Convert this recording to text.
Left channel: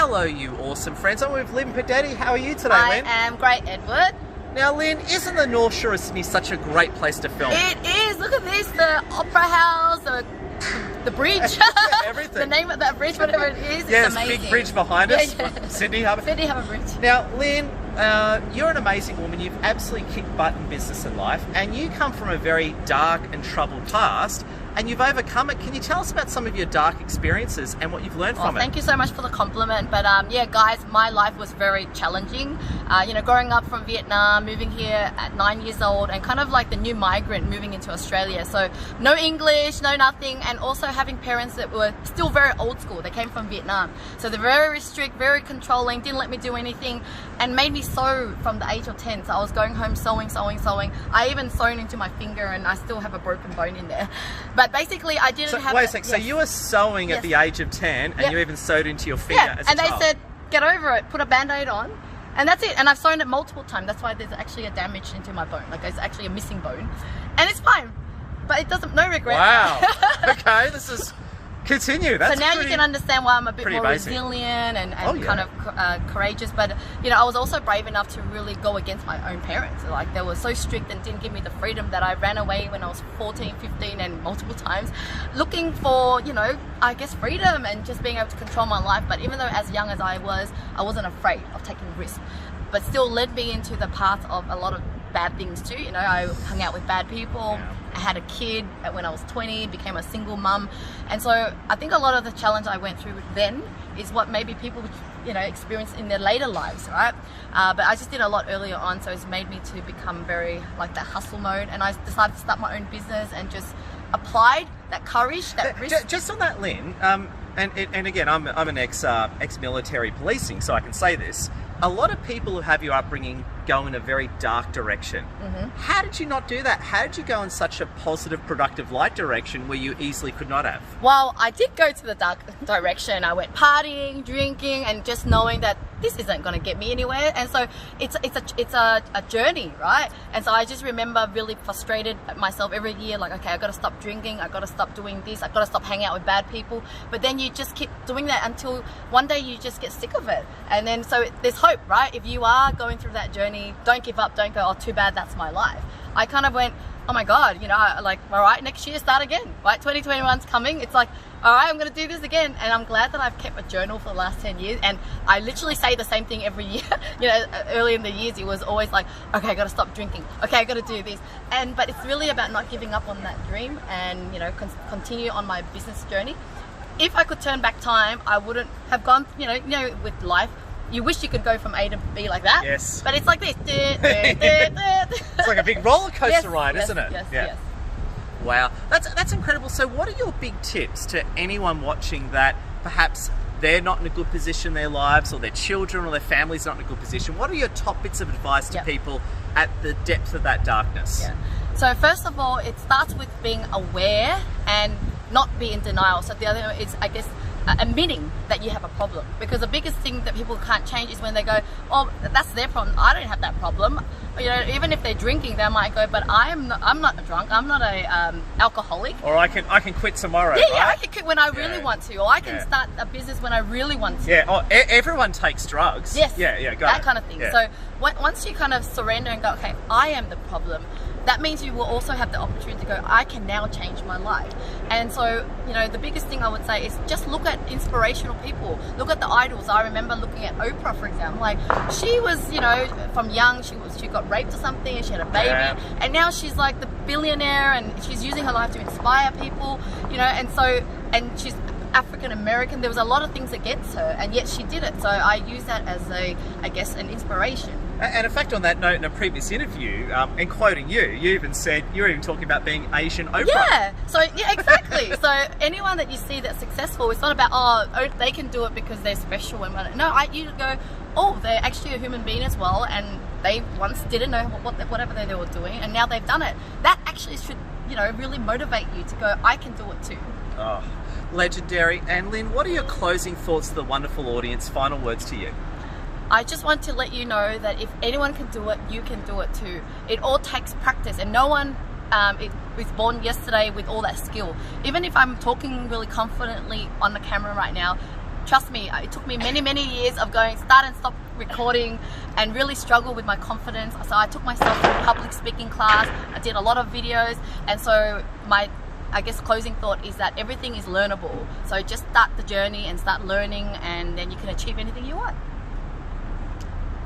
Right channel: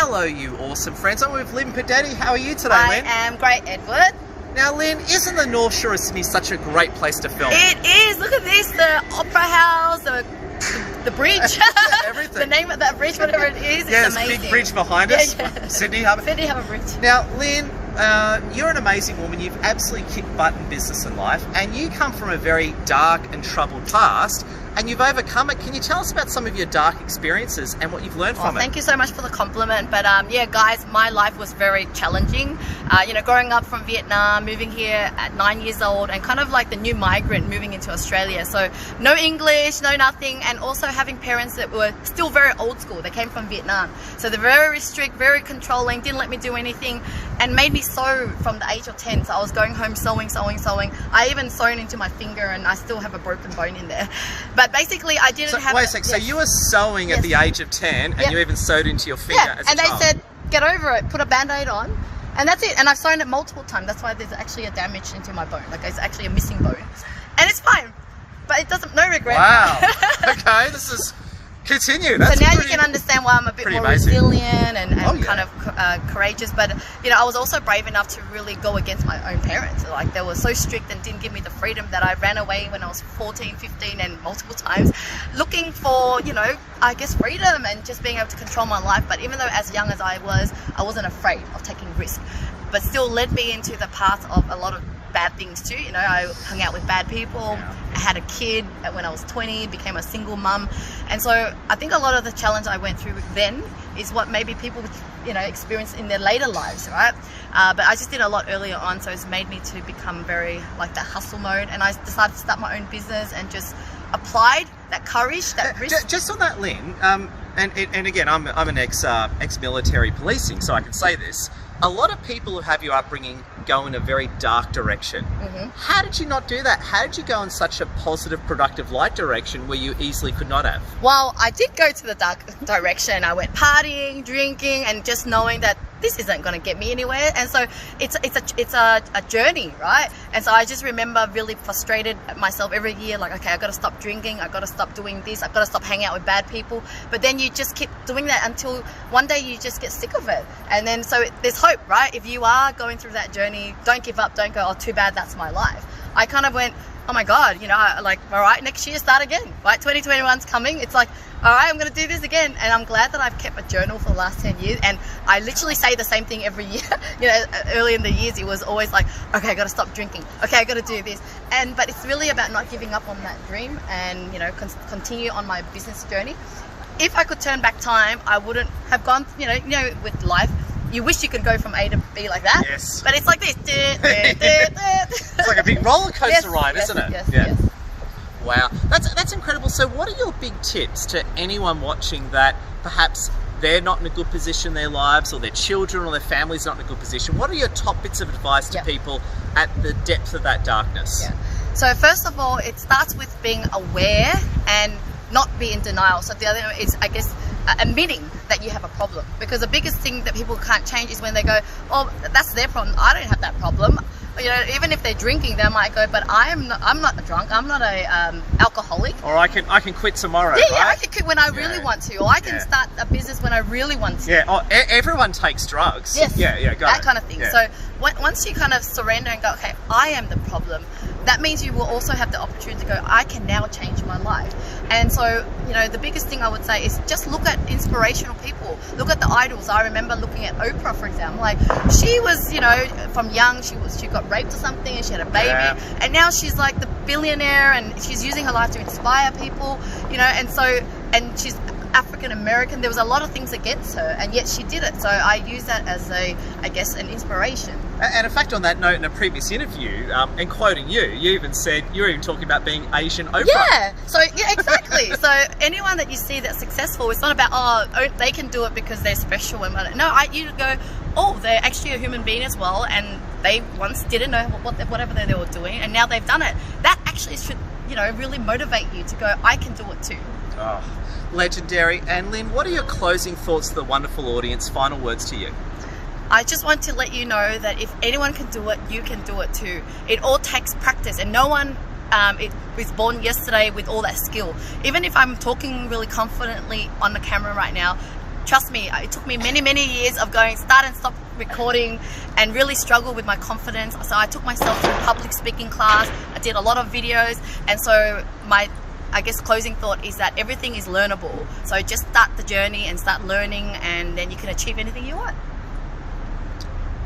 Hello, you awesome friends. I'm with Linh Podetti. How are you today, Lynn? I am great, Edward. Now, Lynn, isn't the North Shore of Sydney such a great place to film? It is. Look at this, the Opera House, the bridge. Everything. The name of that bridge, whatever it is, Yeah, it's there's a amazing. big bridge behind us. Yeah. Sydney Harbour. Sydney Harbour Bridge. Now, Lynn, you're an amazing woman. You've absolutely kicked butt in business and life, and you come from a very dark and troubled past, and you've overcome it. Can you tell us about some of your dark experiences and what you've learned from it? Thank you so much for the compliment. But yeah, guys, my life was very challenging. Growing up from Vietnam, moving here at 9 years old, and kind of like the new migrant moving into Australia. So no English, no nothing, and also having parents that were still very old school. They came from Vietnam. So they're very strict, very controlling, didn't let me do anything, and made me sew from the age of 10. So I was going home sewing. I even sewn into my finger, and I still have a broken bone in there. But basically, I didn't have... Wait a sec, so you were sewing at the age of 10, and you even sewed into your finger as a child. And they said, get over it, put a band-aid on, and that's it. And I've sewn it multiple times. That's why there's actually a damage into my bone. Like, it's actually a missing bone. And it's fine, but it doesn't, no regret. Wow. Okay, this is... Continue. That's so now you can understand why I'm a bit more resilient and kind of courageous. But I was also brave enough to really go against my own parents. Like, they were so strict and didn't give me the freedom that I ran away when I was 14, 15 and multiple times looking for, I guess, freedom and just being able to control my life. But even though as young as I wasn't afraid of taking risks, but still led me into the path of a lot of bad things too. I hung out with bad people. I had a kid when I was 20, became a single mum, and so I think a lot of the challenge I went through then is what maybe people experience in their later lives, right? But I just did a lot earlier on, so it's made me to become very like that hustle mode, and I decided to start my own business and just applied that courage, that risk. Just on that, Lynn, and again, I'm an ex-military policing, so I can say this. A lot of people who have your upbringing go in a very dark direction. Mm-hmm. How did you not do that? How did you go in such a positive, productive, light direction where you easily could not have? Well, I did go to the dark direction. I went partying, drinking, and just knowing that this isn't going to get me anywhere. And so it's a journey, right? And so I just remember really frustrated at myself every year, like, okay, I got to stop drinking, I got to stop doing this, I got to stop hanging out with bad people. But then you just keep doing that until one day you just get sick of it. And then so there's hope, right? If you are going through that journey, don't give up, don't go, oh, too bad, that's my life. I kind of went, oh my God, like, all right, next year, start again, right? 2021's coming. It's like, all right, I'm going to do this again. And I'm glad that I've kept a journal for the last 10 years. And I literally say the same thing every year. Early in the years, it was always like, okay, I got to stop drinking. Okay, I got to do this. But it's really about not giving up on that dream and, continue on my business journey. If I could turn back time, I wouldn't have gone, with life. You wish you could go from A to B like that. Yes. But it's like this. It's like a big roller coaster ride, isn't it? Yes. Wow. That's incredible. So what are your big tips to anyone watching that perhaps they're not in a good position in their lives, or their children or their family's not in a good position? What are your top bits of advice to people at the depth of that darkness? Yeah. So first of all, it starts with being aware and not be in denial. So the other is, I guess, admitting that you have a problem, because the biggest thing that people can't change is when they go, oh, that's their problem, I don't have that problem. Even if they're drinking, they might go, but I'm not a drunk, I'm not a alcoholic. Or I can quit tomorrow. Yeah, I can quit when I really want to, or I can start a business when I really want to. Yeah, everyone takes drugs. Yes, got that it. kind of thing. Yeah. So once you kind of surrender and go, okay, I am the problem, that means you will also have the opportunity to go, I can now change my life. And so, the biggest thing I would say is just look at inspirational people. Look at the idols. I remember looking at Oprah, for example. Like, she was, from young, she got raped or something, and she had a baby, and now she's like the billionaire, and she's using her life to inspire people, and she's African American. There was a lot of things against her, and yet she did it. So I use that as an inspiration. And in fact, on that note, in a previous interview, and quoting you even said you were even talking about being Asian Oprah. Yeah. So exactly. So anyone that you see that's successful, it's not about, oh, they can do it because they're special. You go, oh, they're actually a human being as well, and they once didn't know whatever they were doing, and now they've done it. That actually should, really motivate you to go, I can do it too. Oh, legendary. And Lynn, what are your closing thoughts to the wonderful audience? Final words to you. I just want to let you know that if anyone can do it, you can do it too. It all takes practice, and no one is born yesterday with all that skill. Even if I'm talking really confidently on the camera right now, trust me, it took me many years of going start and stop recording and really struggle with my confidence. So I took myself to a public speaking class. I did a lot of videos, and so my, I guess, closing thought is that everything is learnable. So just start the journey and start learning, and then you can achieve anything you want.